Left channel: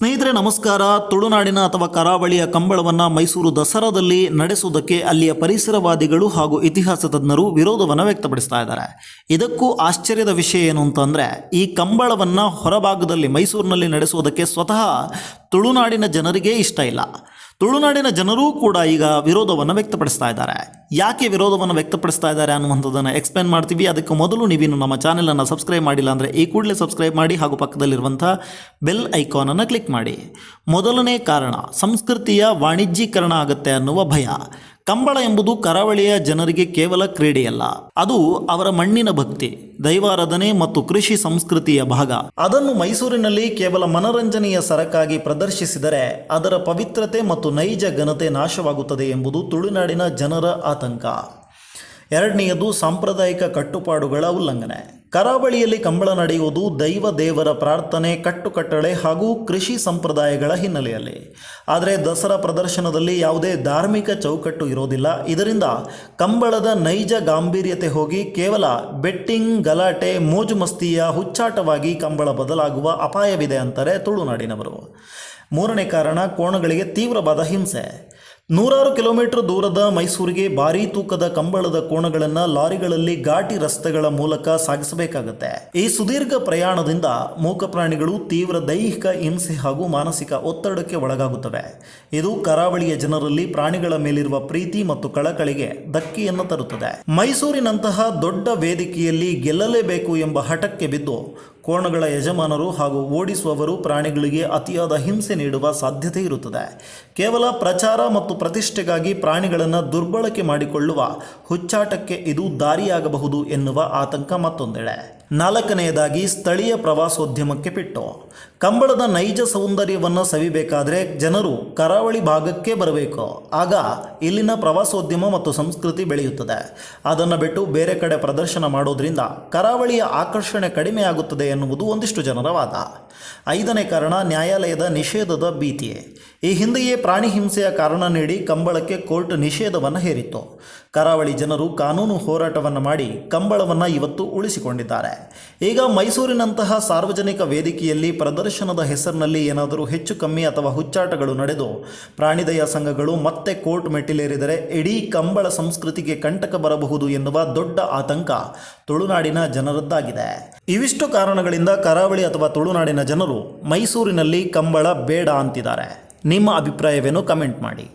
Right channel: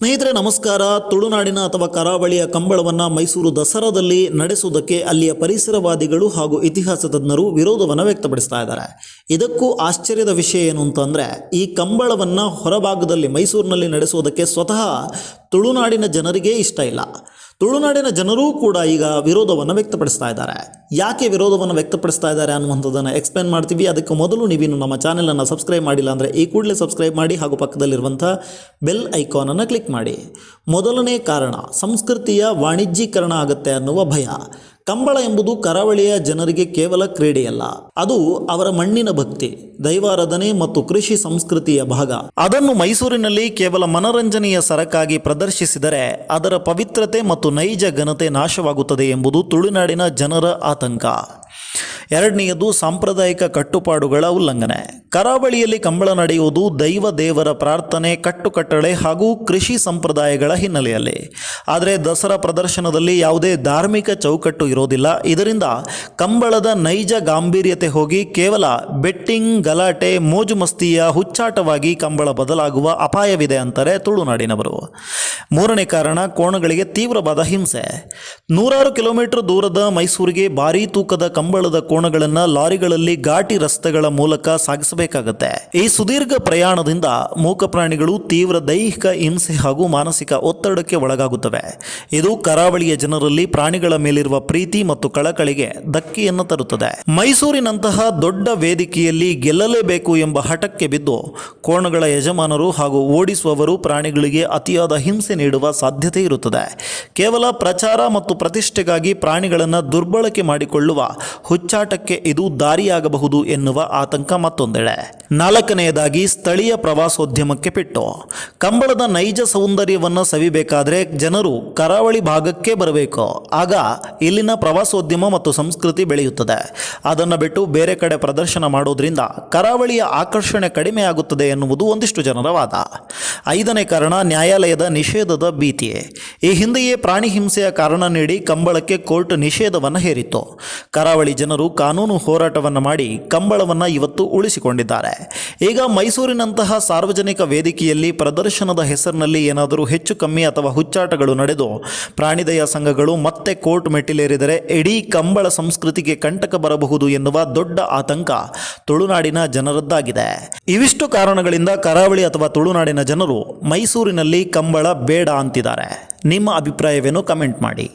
ಸ್ನೇಹಿತರೆ ನಮಸ್ಕಾರ. ತುಳುನಾಡಿನ ಅಥವಾ ಕರಾವಳಿಯ ಕಂಬಳವನ್ನು ಮೈಸೂರು ದಸರಾದಲ್ಲಿ ನಡೆಸುವುದಕ್ಕೆ ಅಲ್ಲಿಯ ಪರಿಸರವಾದಿಗಳು ಹಾಗೂ ಇತಿಹಾಸ ತಜ್ಞರು ವಿರೋಧವನ್ನು ವ್ಯಕ್ತಪಡಿಸ್ತಾ ಇದ್ದಾರೆ. ಇದಕ್ಕೂ ಆಶ್ಚರ್ಯದ ವಿಷಯ ಏನು ಅಂತಂದರೆ, ಈ ಕಂಬಳವನ್ನು ಹೊರಭಾಗದಲ್ಲಿ ಮೈಸೂರಿನಲ್ಲಿ ನಡೆಸುವುದಕ್ಕೆ ಸ್ವತಃ ತುಳುನಾಡಿನ ಜನರಿಗೇ ಇಷ್ಟ ಇಲ್ಲ. ತುಳುನಾಡಿನ ಜನರೂ ಕೂಡ ಈಗ ವಿರೋಧವನ್ನು ವ್ಯಕ್ತಪಡಿಸ್ತಾ ಇದ್ದಾರೆ. ಯಾಕೆ ವಿರೋಧವನ್ನು ವ್ಯಕ್ತಪಡಿಸ್ತಾ ಇದ್ದಾರೆ ಅನ್ನುವಂಥದ್ದನ್ನು ಎಕ್ಸ್ಪ್ಲೇನ್ ಮಾಡ್ತೀವಿ. ಅದಕ್ಕೆ ಮೊದಲು ನೀವಿನ್ನು ನಮ್ಮ ಚಾನೆಲನ್ನು ಸಬ್ಸ್ಕ್ರೈಬ್ ಮಾಡಿಲ್ಲ ಅಂದರೆ ಈ ಕೂಡಲೇ ಸಬ್ಸ್ಕ್ರೈಬ್ ಮಾಡಿ ಹಾಗೂ ಪಕ್ಕದಲ್ಲಿರುವಂಥ ಬೆಲ್ ಐಕಾನನ್ನು ಕ್ಲಿಕ್ ಮಾಡಿ. ಮೊದಲನೇ ಕಾರಣ, ಸಂಸ್ಕೃತಿಯ ವಾಣಿಜ್ಯೀಕರಣ ಆಗುತ್ತೆ ಅನ್ನುವ ಭಯ. ಕಂಬಳ ಎಂಬುದು ಕರಾವಳಿಯ ಜನರಿಗೆ ಕೇವಲ ಕ್ರೀಡೆಯಲ್ಲ, ಅದು ಅವರ ಮಣ್ಣಿನ ಭಕ್ತಿ, ದೈವಾರಾಧನೆ ಮತ್ತು ಕೃಷಿ ಸಂಸ್ಕೃತಿಯ ಭಾಗ. ಅದನ್ನು ಮೈಸೂರಿನಲ್ಲಿ ಕೇವಲ ಮನರಂಜನೆಯ ಸರಕಾಗಿ ಪ್ರದರ್ಶಿಸಿದರೆ ಅದರ ಪವಿತ್ರತೆ ಮತ್ತು ನೈಜ ಘನತೆ ನಾಶವಾಗುತ್ತದೆ ಎಂಬುದು ತುಳುನಾಡಿನ ಜನರ ಆತಂಕ. ಎರಡನೆಯದು, ಸಾಂಪ್ರದಾಯಿಕ ಕಟ್ಟುಪಾಡುಗಳ ಉಲ್ಲಂಘನೆ. ಕರಾವಳಿಯಲ್ಲಿ ಕಂಬಳ ನಡೆಯುವುದು ದೈವ ದೇವರ ಪ್ರಾರ್ಥನೆ, ಕಟ್ಟುಕಟ್ಟಳೆ ಹಾಗೂ ಕೃಷಿ ಸಂಪ್ರದಾಯಗಳ ಹಿನ್ನೆಲೆಯಲ್ಲಿ. ಆದರೆ ದಸರಾ ಪ್ರದರ್ಶನದಲ್ಲಿ ಯಾವುದೇ ಧಾರ್ಮಿಕ ಚೌಕಟ್ಟು ಇರೋದಿಲ್ಲ. ಇದರಿಂದ ಕಂಬಳದ ನೈಜ ಗಾಂಭೀರ್ಯತೆ ಹೋಗಿ ಕೇವಲ ಬೆಟ್ಟಿಂಗ್, ಗಲಾಟೆ, ಮೋಜು ಮಸ್ತಿಯ ಹುಚ್ಚಾಟವಾಗಿ ಕಂಬಳ ಬದಲಾಗುವ ಅಪಾಯವಿದೆ ಅಂತಾರೆ ತುಳುನಾಡಿನವರು. ಮೂರನೇ ಕಾರಣ, ಕೋಣಗಳಿಗೆ ತೀವ್ರವಾದ ಹಿಂಸೆ. 100 ಕಿಲೋಮೀಟರ್ ದೂರದ ಮೈಸೂರಿಗೆ ಭಾರೀ ತೂಕದ ಕಂಬಳದ ಕೋಣಗಳನ್ನು ಲಾರಿಗಳಲ್ಲಿ ಘಾಟಿ ರಸ್ತೆಗಳ ಮೂಲಕ ಸಾಗಿಸಬೇಕಾಗುತ್ತೆ. ಈ ಸುದೀರ್ಘ ಪ್ರಯಾಣದಿಂದ ಮೂಕ ಪ್ರಾಣಿಗಳು ತೀವ್ರ ದೈಹಿಕ ಹಿಂಸೆ ಹಾಗೂ ಮಾನಸಿಕ ಒತ್ತಡಕ್ಕೆ ಒಳಗಾಗುತ್ತವೆ. ಇದು ಕರಾವಳಿಯ ಜನರಲ್ಲಿ ಪ್ರಾಣಿಗಳ ಮೇಲಿರುವ ಪ್ರೀತಿ ಮತ್ತು ಕಳಕಳಿಗೆ ಧಕ್ಕೆಯನ್ನು ತರುತ್ತದೆ. ಮೈಸೂರಿನಂತಹ ದೊಡ್ಡ ವೇದಿಕೆಯಲ್ಲಿ ಗೆಲ್ಲಲೇಬೇಕು ಎಂಬ ಹಠಕ್ಕೆ ಬಿದ್ದು ಕೋಣಗಳ ಯಜಮಾನರು ಹಾಗೂ ಓಡಿಸುವವರು ಪ್ರಾಣಿಗಳಿಗೆ ಅತಿಯಾದ ಹಿಂಸೆ ನೀಡುವ ಸಾಧ್ಯತೆ ಇರುತ್ತದೆ. ಕೇವಲ ಪ್ರಚಾರ ಮತ್ತು ಪ್ರತಿಷ್ಠೆಗಾಗಿ ಪ್ರಾಣಿಗಳನ್ನು ದುರ್ಬಳಕೆ ಮಾಡಿಕೊಳ್ಳುವ ಹುಚ್ಚಾಟಕ್ಕೆ ಇದು ದಾರಿಯಾಗಬಹುದು ಎನ್ನುವ ಆತಂಕ ಮತ್ತೊಂದೆಡೆ. ನಾಲ್ಕನೆಯದಾಗಿ, ಸ್ಥಳೀಯ ಪ್ರವಾಸೋದ್ಯಮಕ್ಕೆ ಪೆಟ್ಟು. ಕಂಬಳದ ನೈಜ ಸೌಂದರ್ಯವನ್ನು ಸವಿಬೇಕಾದ್ರೆ ಜನರು ಕರಾವಳಿ ಭಾಗಕ್ಕೆ ಬರಬೇಕು. ಆಗ ಇಲ್ಲಿನ ಪ್ರವಾಸೋದ್ಯಮ ಮತ್ತು ಸಂಸ್ಕೃತಿ ಬೆಳೆಯುತ್ತದೆ. ಅದನ್ನು ಬಿಟ್ಟು ಬೇರೆ ಕಡೆ ಪ್ರದರ್ಶನ ಮಾಡೋದ್ರಿಂದ ಕರಾವಳಿಯ ಆಕರ್ಷಣೆ ಕಡಿಮೆಯಾಗುತ್ತದೆ ಎನ್ನುವುದು ಒಂದಿಷ್ಟು ಜನರ ವಾದ. ಐದನೇ ಕಾರಣ, ನ್ಯಾಯಾಲಯದ ನಿಷೇಧದ ಭೀತಿ. ಈ ಹಿಂದೆಯೇ ಪ್ರಾಣಿ ಹಿಂಸೆಯ ಕಾರಣ ನೀಡಿ ಕಂಬಳಕ್ಕೆ ಕೋರ್ಟ್ ನಿಷೇಧವನ್ನು ಹೇರಿತ್ತು. ಕರಾವಳಿ ಜನರು ಕಾನೂನು ಹೋರಾಟವನ್ನು ಮಾಡಿ ಕಂಬಳವನ್ನು ಇವತ್ತು ಉಳಿಸಿಕೊಂಡಿದ್ದಾರೆ. ಈಗ ಮೈಸೂರಿನಂತಹ ಸಾರ್ವಜನಿಕ ವೇದಿಕೆಯಲ್ಲಿ ಪ್ರದರ್ಶನದ ಹೆಸರಿನಲ್ಲಿ ಏನಾದರೂ ಹೆಚ್ಚು ಕಮ್ಮಿ ಅಥವಾ ಹುಚ್ಚಾಟಗಳು ನಡೆದು ಪ್ರಾಣಿದಯ ಸಂಘಗಳು ಮತ್ತೆ ಕೋರ್ಟ್ ಮೆಟ್ಟಿಲೇರಿದರೆ ಇಡೀ ಕಂಬಳ ಸಂಸ್ಕೃತಿಗೆ ಕಂಟಕ ಬರಬಹುದು ಎನ್ನುವ ದೊಡ್ಡ ಆತಂಕ ತುಳುನಾಡಿನ ಜನರದ್ದಾಗಿದೆ. ಇವಿಷ್ಟು ಕಾರಣಗಳಿಂದ ಕರಾವಳಿ ಅಥವಾ ತುಳುನಾಡಿನ ಜನರು ಮೈಸೂರಿನಲ್ಲಿ ಕಂಬಳ ಬೇಡ ಅಂತಿದ್ದಾರೆ. ನಿಮ್ಮ ಅಭಿಪ್ರಾಯವೇನು? ಕಮೆಂಟ್ ಮಾಡಿ.